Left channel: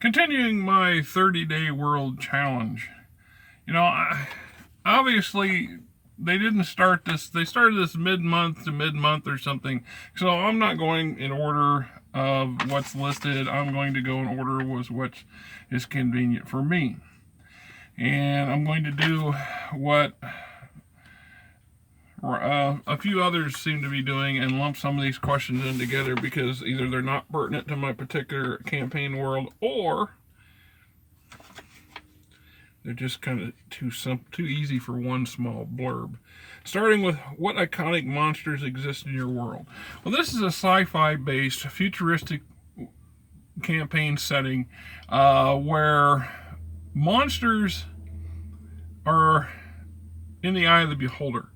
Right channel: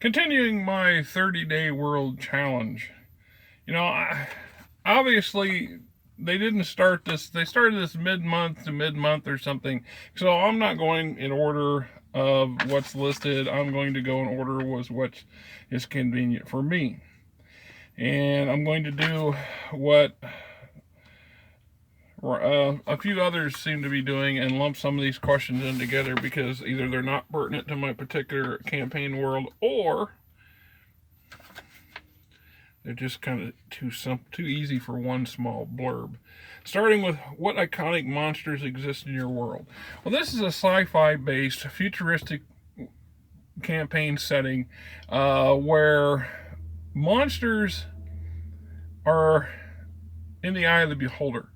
Continuing my 30-day world challenge. Obviously, they didn't start this, they started this mid-month to mid-month or something. So I'm not going in order of what's listed. I'm going to go in order with what is convenient for me. And I'm going to do what a few others seem to be doing and lump some of these questions in together because either they're not pertinent to my particular campaign world or they're just kind of too easy for one small blurb. Starting with what iconic monsters exist in your world. Well, this is a sci-fi based futuristic campaign setting where monsters are in the eye of the beholder.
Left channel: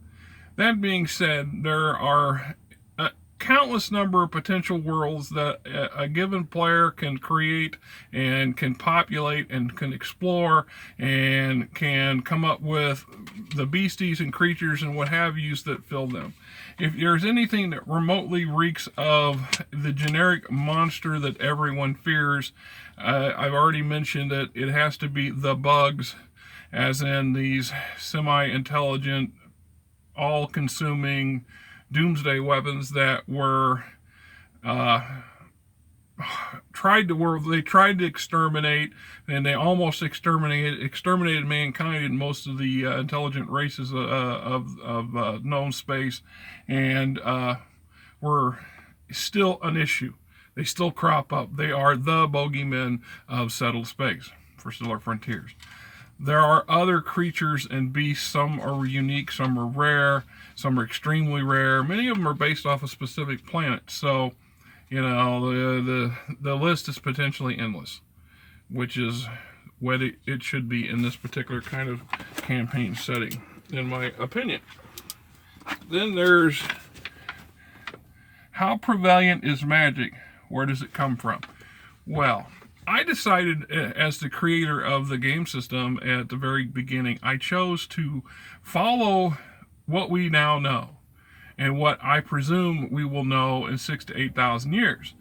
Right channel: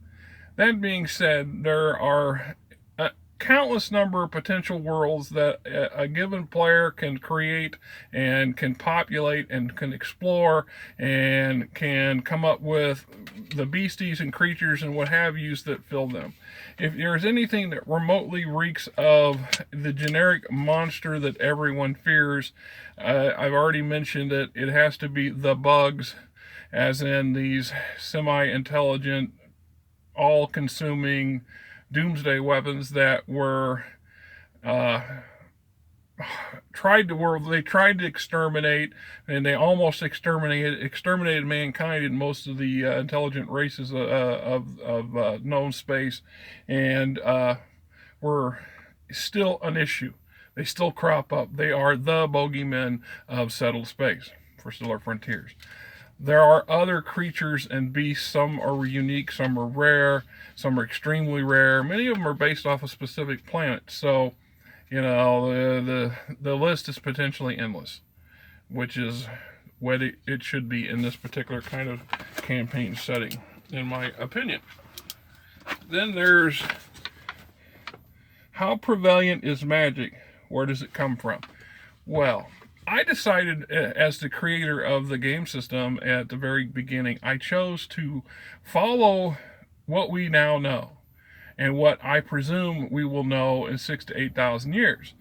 That being said, there are a countless number of potential worlds that a given player can create and can populate and can explore and can come up with the beasties and creatures and what have yous that fill them. If there's anything that remotely reeks of the generic monster that everyone fears, I've already mentioned that it has to be the bugs, as in these semi-intelligent, all-consuming doomsday weapons that were tried to exterminate, and they almost exterminated mankind in most of the intelligent races of known space, and were still an issue. They still crop up. They are the bogeymen of settled space for stellar frontiers. There are other creatures and beasts. Some are unique, some are rare, some are extremely rare. Many of them are based off a specific planet. So, the list is potentially endless, which is what it should be in this particular kind of campaign setting, in my opinion. Then there's how prevalent is magic? Where does it come from? Well, I decided, as the creator of the game system at the very beginning, I chose to follow what we now know and what I presume we will know in 6,000 to 8,000 years.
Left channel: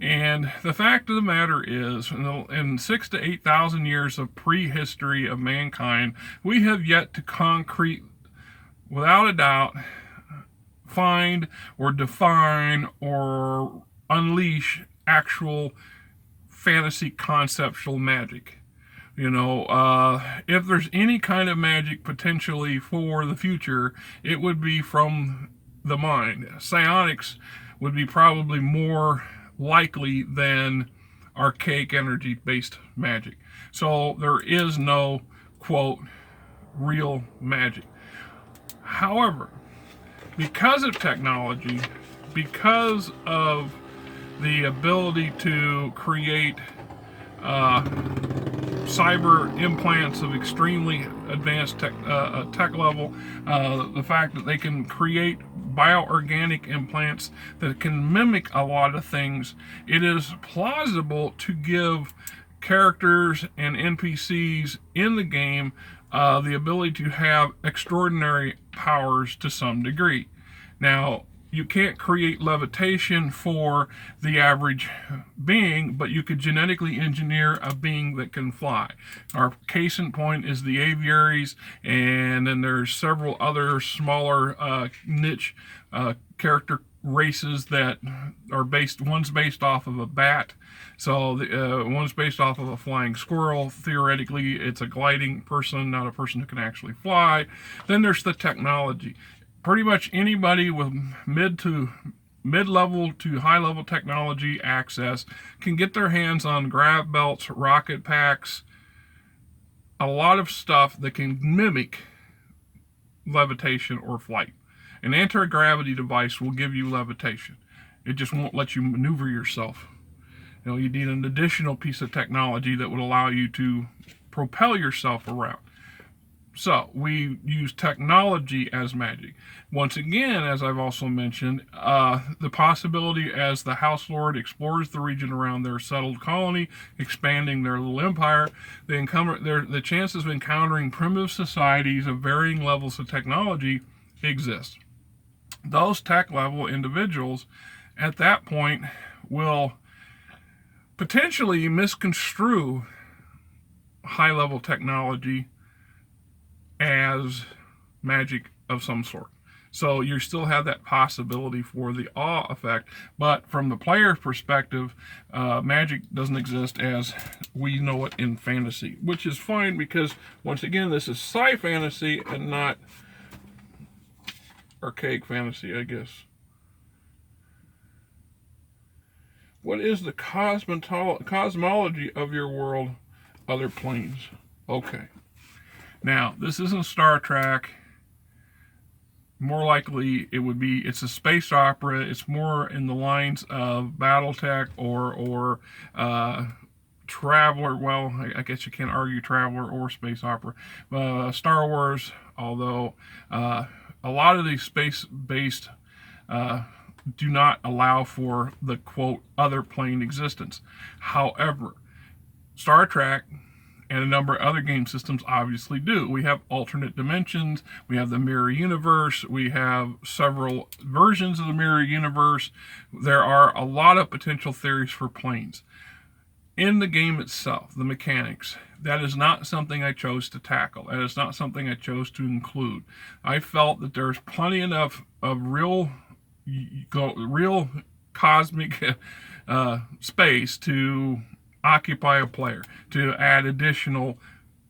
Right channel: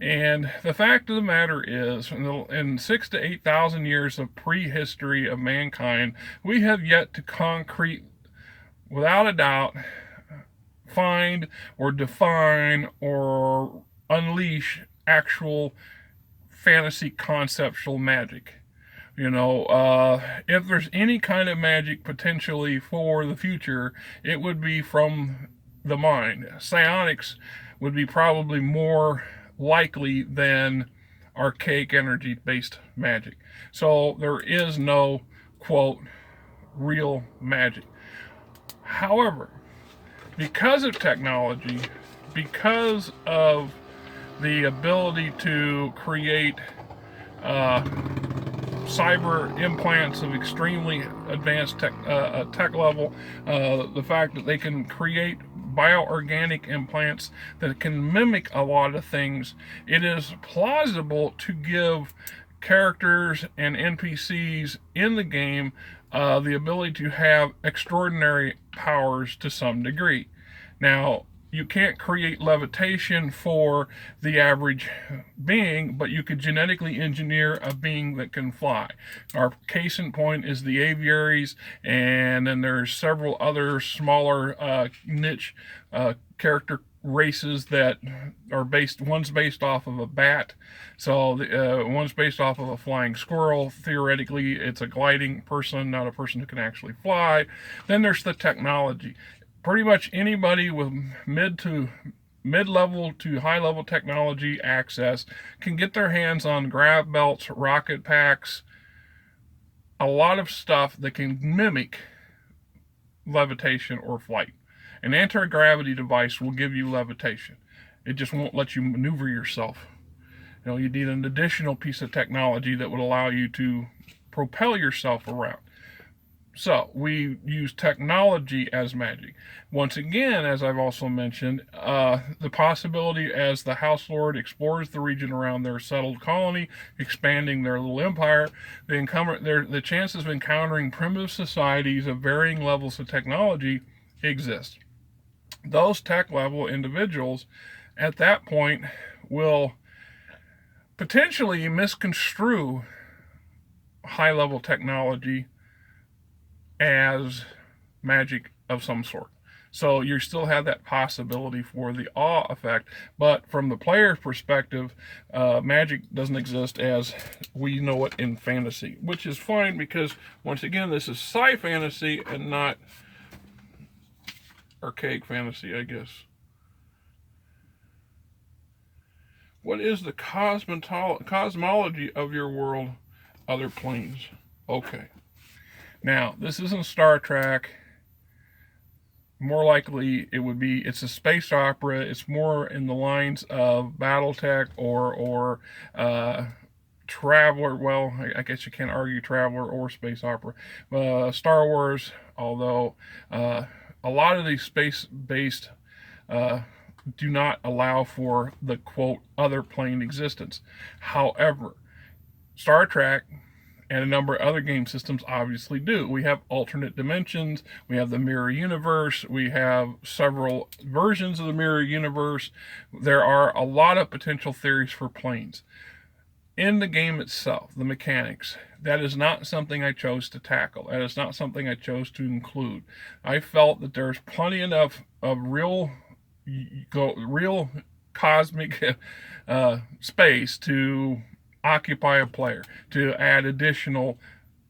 And the fact of the matter is, in 6,000 to 8,000 years of prehistory of mankind, we have yet to concrete, without a doubt, find or define or unleash actual fantasy conceptual magic. If there's any kind of magic potentially for the future, it would be from the mind. Psionics would be probably more likely than archaic energy based magic. So there is no, quote, real magic. However, because of technology, because of the ability to create cyber implants of extremely advanced tech level, the fact that they can create bioorganic implants that can mimic a lot of things, it is plausible to give characters and NPCs in the game the ability to have extraordinary powers to some degree. Now, you can't create levitation for the average being, but you could genetically engineer a being that can fly. Our case in point is the aviaries, and then there's several other smaller niche character races that are one's based off of a bat, so one's based off of a flying squirrel. Theoretically, it's a gliding person, not a person who can actually fly. Then there's the technology. Pretty much anybody with mid-level to high-level technology access can get their hands on grav belts, rocket packs, a lot of stuff that can mimic levitation or flight. An anti-gravity device will give you levitation. It just won't let you maneuver yourself. You need an additional piece of technology that would allow you to propel yourself around. So we use technology as magic. Once again, as I've also mentioned, the possibility as the House Lord explores the region around their settled colony, expanding their little empire, the chances of encountering primitive societies of varying levels of technology exist. Those tech level individuals at that point will potentially misconstrue high-level technology as magic of some sort. So you still have that possibility for the awe effect, but from the player's perspective, magic doesn't exist as we know it in fantasy, which is fine because, once again, this is sci-fantasy and not archaic fantasy, I guess. What is the cosmology of your world, other planes? Okay. Now, this isn't Star Trek. More likely, it's a space opera. It's more in the lines of BattleTech or Traveler. Well, I guess you can't argue Traveler or space opera. Star Wars, although a lot of these space-based do not allow for the, quote, other plane existence. However, Star Trek and a number of other game systems obviously do. We have alternate dimensions, we have the mirror universe, we have several versions of the mirror universe. There are a lot of potential theories for planes. In the game itself, the mechanics, that is not something I chose to tackle. That is not something I chose to include. I felt that there's plenty enough of real cosmic space to occupy a player, to add additional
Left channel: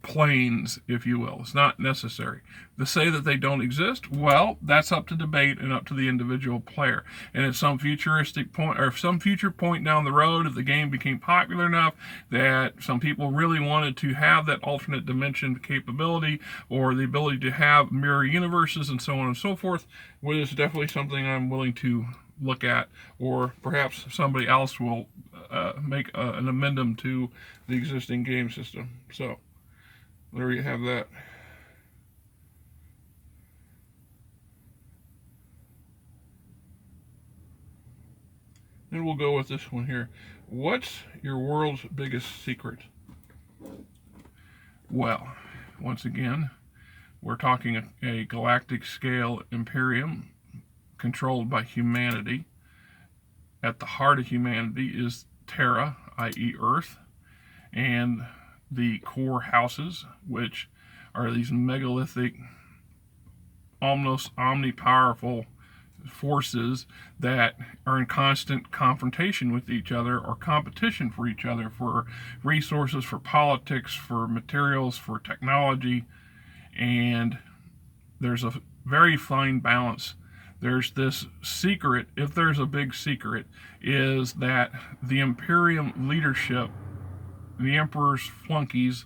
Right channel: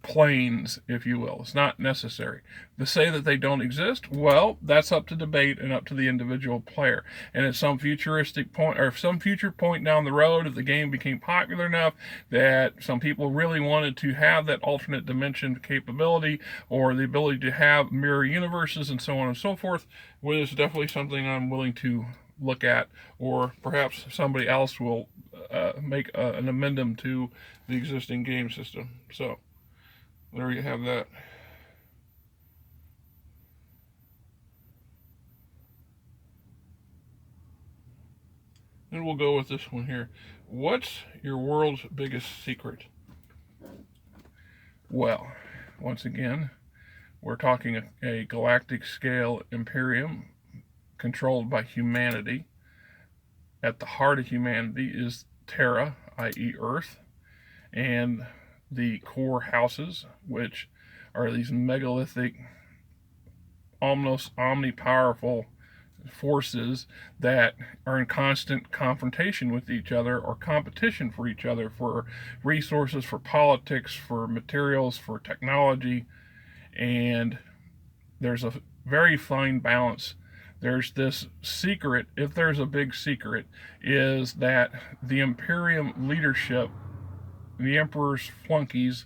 planes, if you will. It's not necessary. To say that they don't exist, well, that's up to debate and up to the individual player. And at some futuristic point, or some future point down the road, if the game became popular enough that some people really wanted to have that alternate dimension capability or the ability to have mirror universes and so on and so forth, well, it's definitely something I'm willing to look at, or perhaps somebody else will make an amendment to the existing game system. So there you have that. And we'll go with this one here. What's your world's biggest secret? Well, once again, we're talking a galactic scale imperium controlled by humanity. At the heart of humanity is Terra, i.e. Earth, and the core houses, which are these megalithic, almost omnipowerful forces that are in constant confrontation with each other or competition for each other for resources, for politics, for materials, for technology. And there's a very fine balance. There's this secret, if there's a big secret, is that the Imperium leadership, the Emperor's flunkies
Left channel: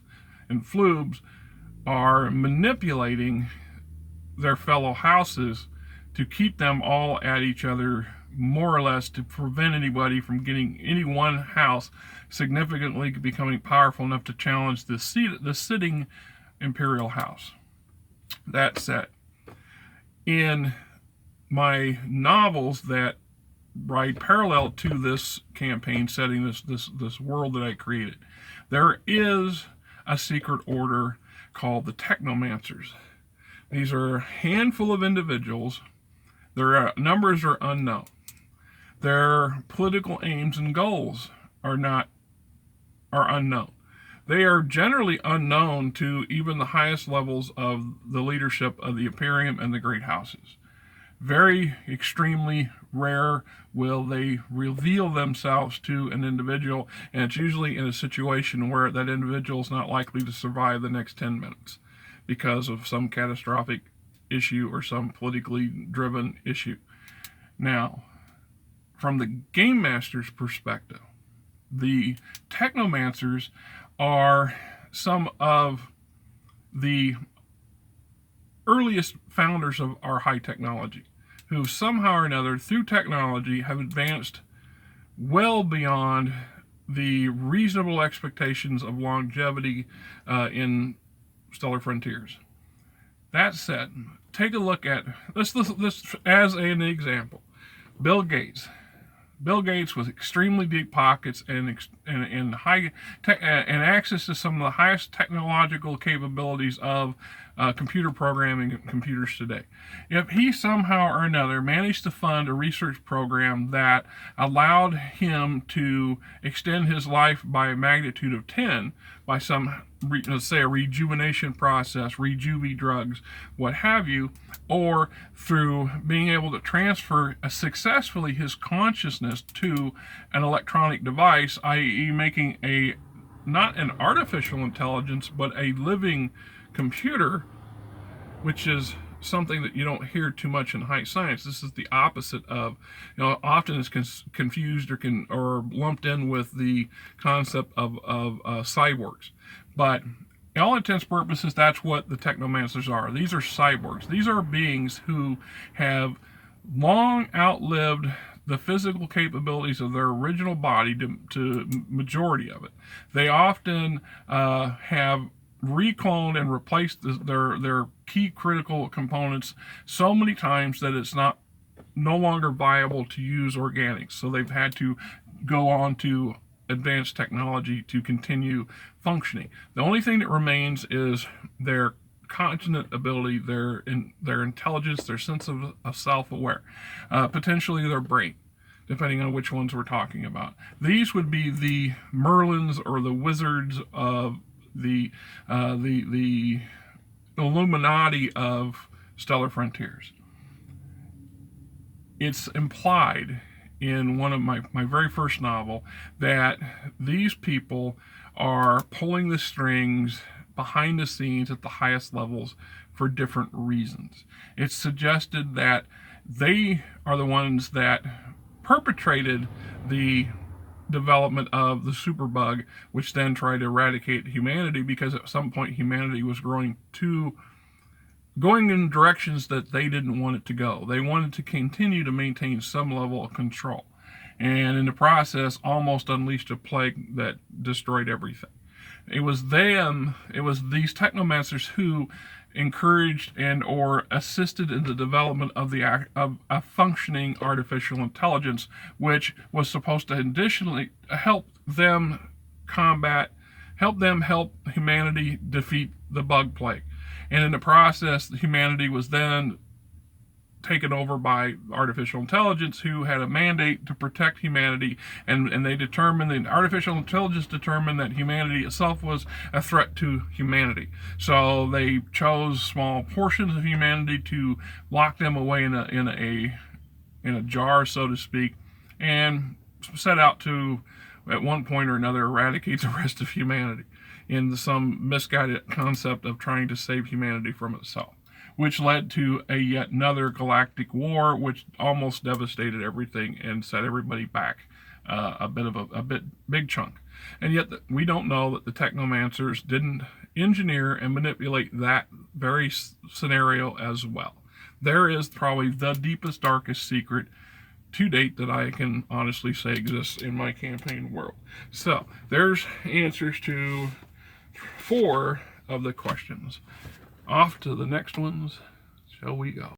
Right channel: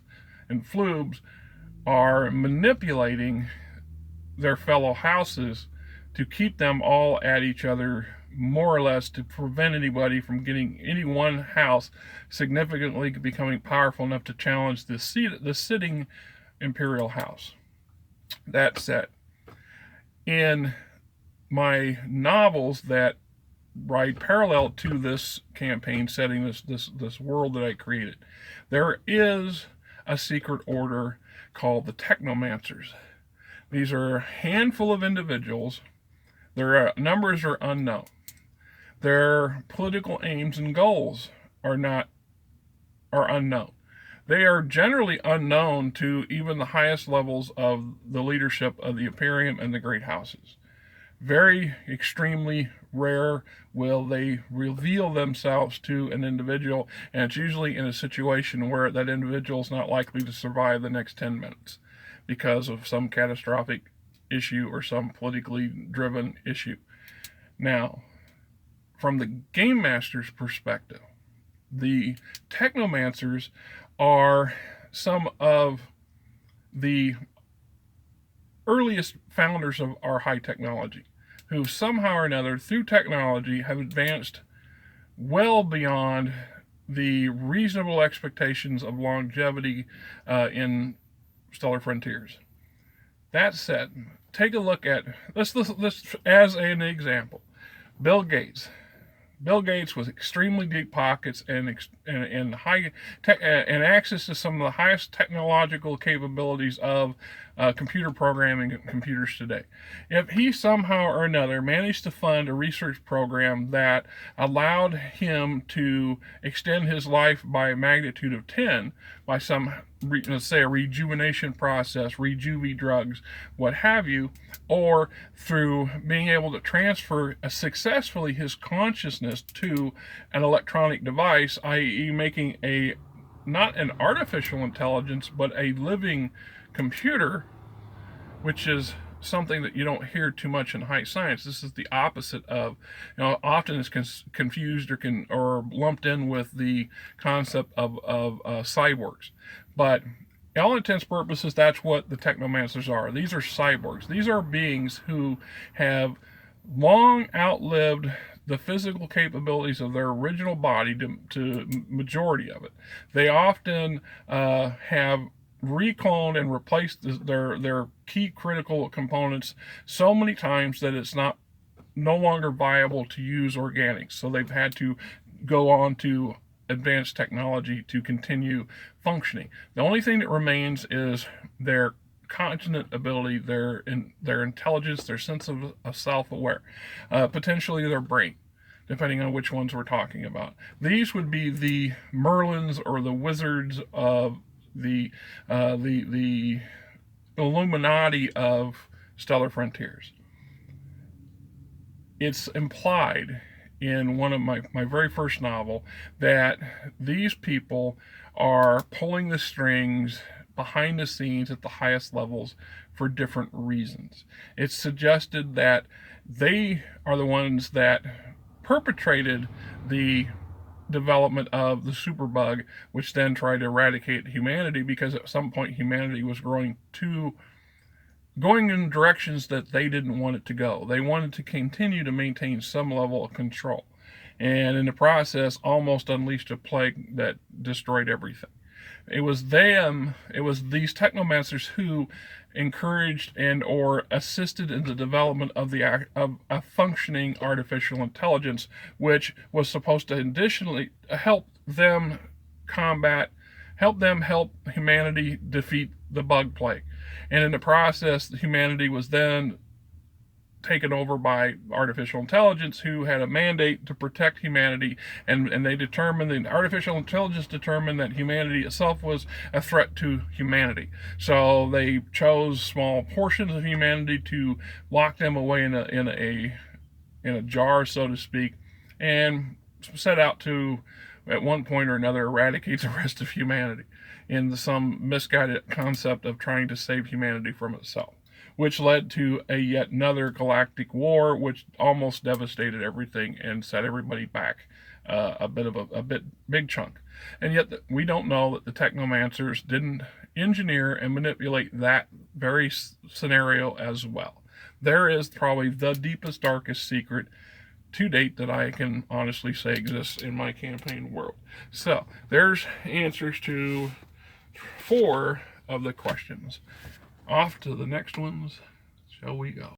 and flubes, are manipulating their fellow houses to keep them all at each other, more or less, to prevent anybody from getting any one house significantly becoming powerful enough to challenge the sitting imperial house. That said, in my novels that ride parallel to this campaign setting, this world that I created, there is a secret order called the Technomancers. These are a handful of individuals. Their numbers are unknown. Their political aims and goals are unknown. They are generally unknown to even the highest levels of the leadership of the Imperium and the great houses. Very extremely rare will they reveal themselves to an individual, and it's usually in a situation where that individual is not likely to survive the next 10 minutes because of some catastrophic issue or some politically driven issue. Now, from the game master's perspective, the Technomancers are some of the earliest founders of our high technology, who somehow or another, through technology, have advanced well beyond the reasonable expectations of longevity in Stellar Frontiers. That said, take a look at, let's as an example, Bill Gates. Bill Gates with extremely deep pockets and high and access to some of the highest technological capabilities of computer programming and computers today. If he somehow or another managed to fund a research program that allowed him to extend his life by a magnitude of 10 by some, let's say, a rejuvenation process, rejuvie drugs, what have you, or through being able to transfer successfully his consciousness to an electronic device, i.e. making a not an artificial intelligence but a living computer, which is something that you don't hear too much in high science. This is the opposite of, often is confused or lumped in with the concept of cyborgs. But in all intents and purposes, that's what the technomancers are. These are cyborgs. These are beings who have long outlived the physical capabilities of their original body to majority of it. They often have recloned and replaced their key critical components so many times that it's no longer viable to use organics. So they've had to go on to advanced technology to continue functioning. The only thing that remains is their cognitive ability, their intelligence, their sense of self-aware, potentially their brain, depending on which ones we're talking about. These would be the Merlins or the wizards of the Illuminati of Stellar Frontiers. It's implied in one of my very first novel that these people are pulling the strings behind the scenes at the highest levels for different reasons. It's suggested that they are the ones that perpetrated the development of the superbug, which then tried to eradicate humanity, because at some point humanity was going in directions that they didn't want it to go. They wanted to continue to maintain some level of control, and in the process almost unleashed a plague that destroyed everything. It was these technomancers who encouraged and or assisted in the development of a functioning artificial intelligence, which was supposed to additionally help help humanity defeat the bug plague. And in the process, humanity was then taken over by artificial intelligence, who had a mandate to protect humanity, and the artificial intelligence determined that humanity itself was a threat to humanity. So they chose small portions of humanity to lock them away in a jar, so to speak, and set out to, at one point or another, eradicate the rest of humanity in some misguided concept of trying to save humanity from itself, which led to yet another galactic war, which almost devastated everything and set everybody back a big chunk. And yet we don't know that the technomancers didn't engineer and manipulate that very scenario as well. There is probably the deepest, darkest secret to date that I can honestly say exists in my campaign world. So there's answers to 4 of the questions. Off to the next ones, shall we go?